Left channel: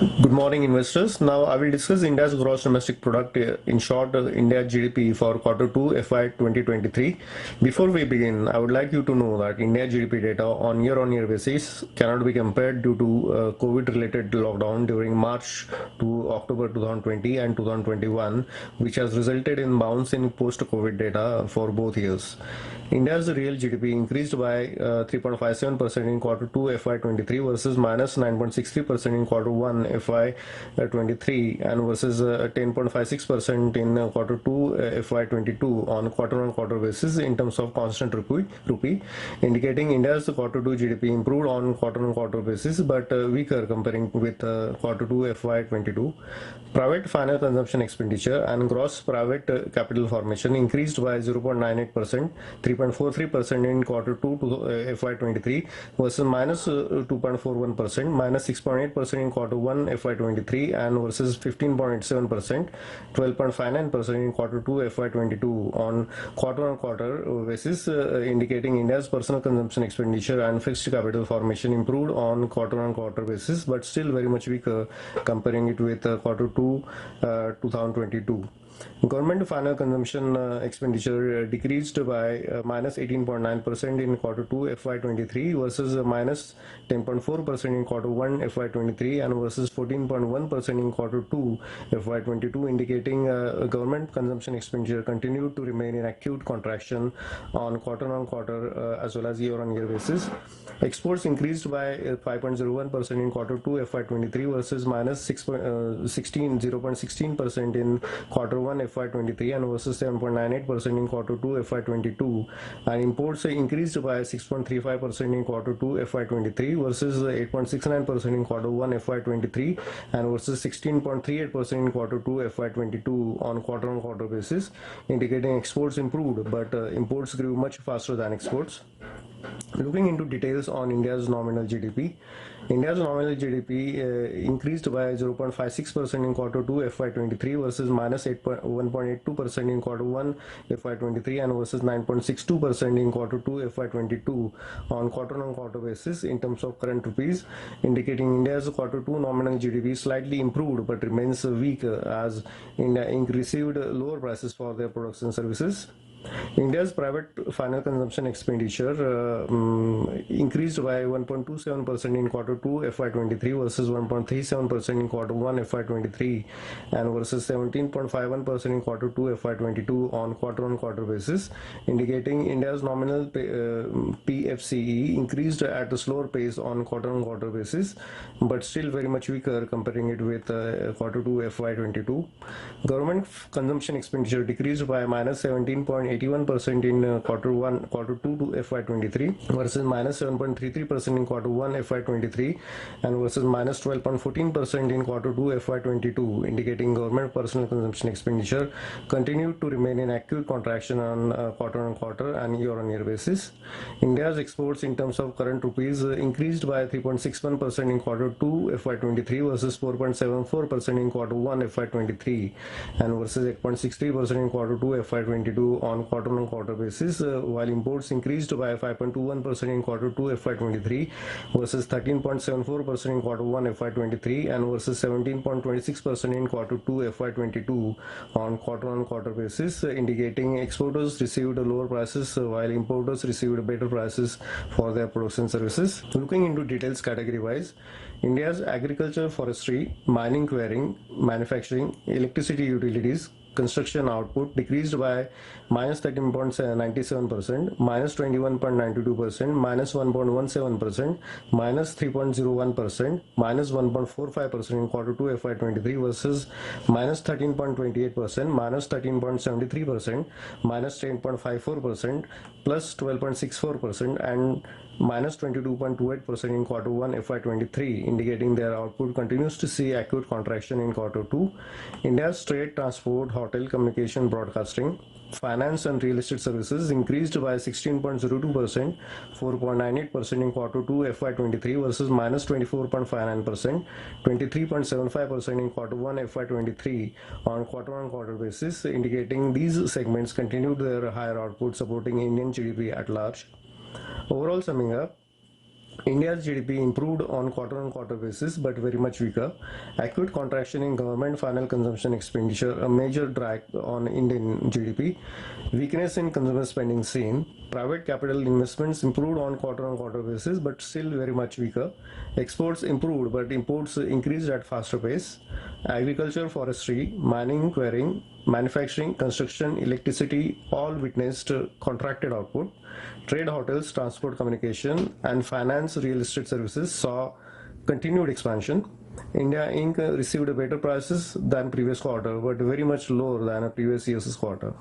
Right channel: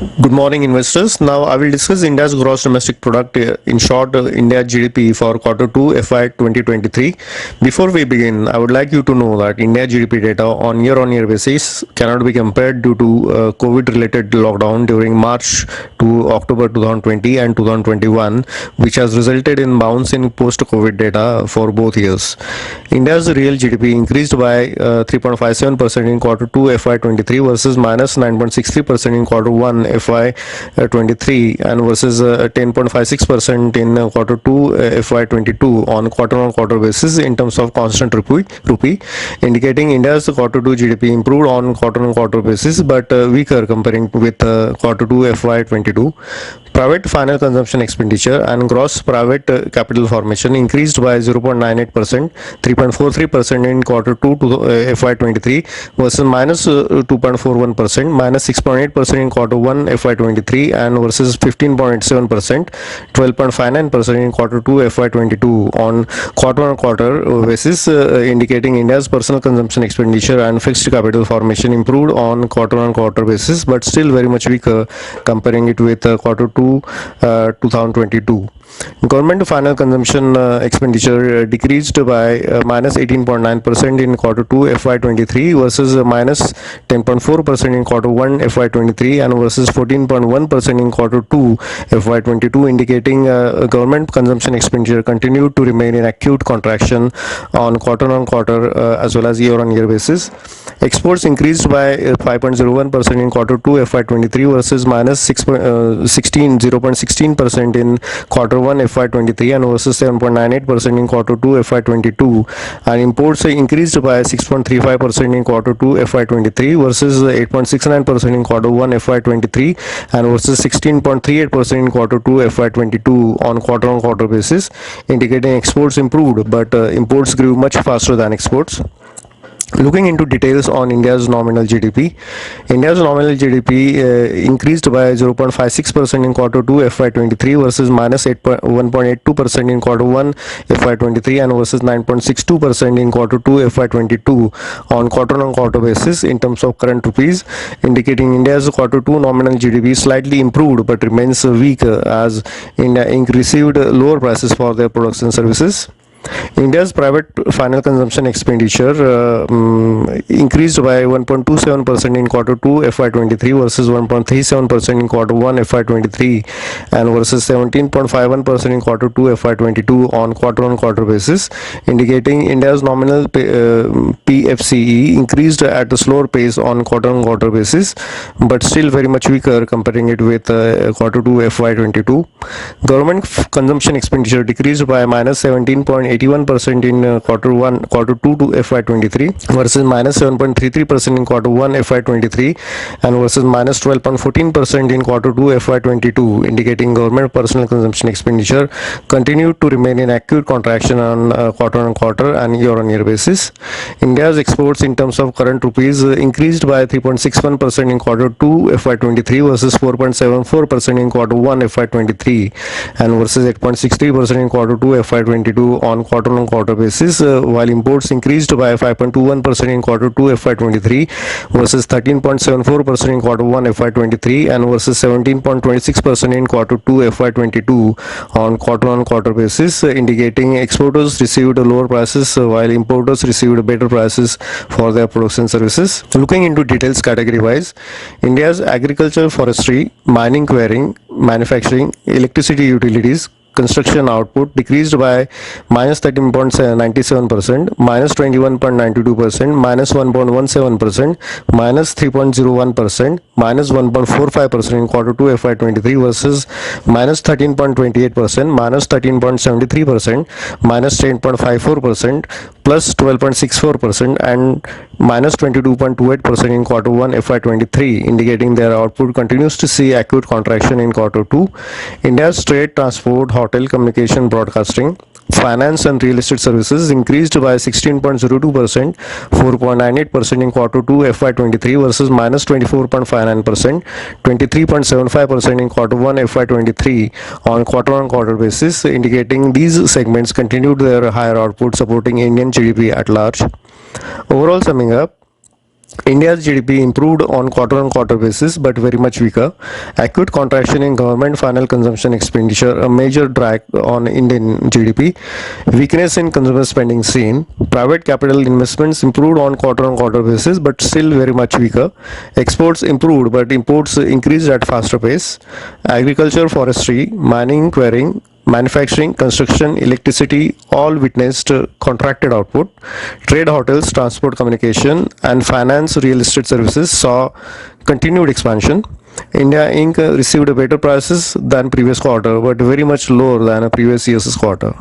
Good morning, investors. Now I will discuss India's gross domestic product, in short, India GDP for Q2 FY 2023. Before we begin, I would like you to know that India GDP data on year-on-year basis cannot be compared due to COVID-related lockdown during March to October 2020 and 2021, which has resulted in bounce in post-COVID data for both years. India's real GDP increased by 3.57% in Q2 FY23 versus minus 9.63% in Q1 FY23 and versus 10.56% in Q2 FY22 on quarter-on-quarter basis in terms of constant rupee, indicating India's Q2 GDP improved on quarter-on-quarter basis but weaker comparing with Q2 FY22. Private final consumption expenditure and gross private capital formation increased by 0.98%, 3.43% in Q2 to FY23 versus minus 2.41%, minus 6.8% in Q1 FY23 and versus 15.87%, 12.59% in Q2 FY22 on quarter-on-quarter basis, indicating India's personal consumption expenditure and fixed capital formation improved on quarter-on-quarter basis but still very much weaker comparing it with Q2 2022. Government final consumption expenditure decreased by minus 18.9% in Q2 FY23 versus minus 10.4% in Q1 FY23 and versus 14.1% in Q2 FY22, indicating government consumption expenditure continued to remain in acute contraction on quarter-on-quarter as well as year-on-year basis. Exports increased by 5.01% in Q2 FY23 versus minus 0.16% in Q1 FY23 and versus 7.98% in Q2 FY22. And imports increased by 6.35% in Q2 FY23 versus 8.69% in Q1 FY23 and versus 16.38% in Q2 FY22 on quarter-on-quarter basis, indicating exports improved but imports grew much faster than exports. Looking into details on India's nominal GDP, India's nominal GDP increased by 0.56% in Q2 FY23 versus minus 1.82% in Q1 FY23 and versus 9.62% in Q2 FY22 on quarter-on-quarter basis in terms of current rupees, indicating India's Q2 nominal GDP slightly improved but remains weak as India received lower prices for their products and services. India's private final consumption expenditure increased by 1.27% in Q2 FY23 versus 1.37% in Q1 FY23 and versus 17.51% in Q2 FY22 on quarter-on-quarter basis, indicating India's nominal PFCE increased at a slower pace on quarter-on-quarter basis but still very much weaker comparing it with Q2 FY22. Government consumption expenditure decreased by minus 17.81% in Q2 to FY23 versus minus 7.33% in Q1 FY23 and versus minus 12.14% in Q2 FY22, indicating government personal consumption expenditure continued to remain in acute contraction on quarter-on-quarter and year-on-year basis. India's exports in terms of current rupees increased by 3.61% in Q2 FY23 versus 4.74% in Q1 FY23 and versus 8.63% in Q2 FY22 on quarter-on-quarter basis, while imports increased by 5.21% in Q2 FY23 versus 13.74% in Q1 FY23 and versus 17.26% in Q2 FY22 on quarter-on-quarter basis, indicating exporters received lower prices while importers received better prices for their products and services. Looking into details category wise, India's agriculture, forestry, mining, quarrying, manufacturing, electricity utilities, construction output decreased by minus 13.97%, minus 21.92%, minus 1.17%, minus 3.01%, minus 1.45% in Q2 FY23 versus minus 13.28%, minus 13.73%, minus 10.54%, plus 12.64% and minus 22.28% in Q1 FY23, indicating their output continues to see acute contraction in Q2. India's trade, transport, hotel, communication, broadcasting, finance and real estate services increased by 16.02%, 4.98% in Q2 FY23 versus minus 24.59%, 23.75% in Q1 FY23 on quarter-on-quarter basis, indicating these segments continued their higher output supporting Indian GDP at large. Overall summing up, India's GDP improved on quarter-on-quarter basis, but very much weaker. Acute contraction in government final consumption expenditure, a major drag on Indian GDP. Weakness in consumer spending seen. Private capital investments improved on quarter-on-quarter basis, but still very much weaker. Exports improved, but imports increased at faster pace. Agriculture, forestry, mining, quarrying, manufacturing, construction, electricity all witnessed contracted output. Trade, hotels, transport, communication, and finance, real estate services saw continued expansion. India Inc. received better prices than previous quarter, but very much lower than a previous year's quarter.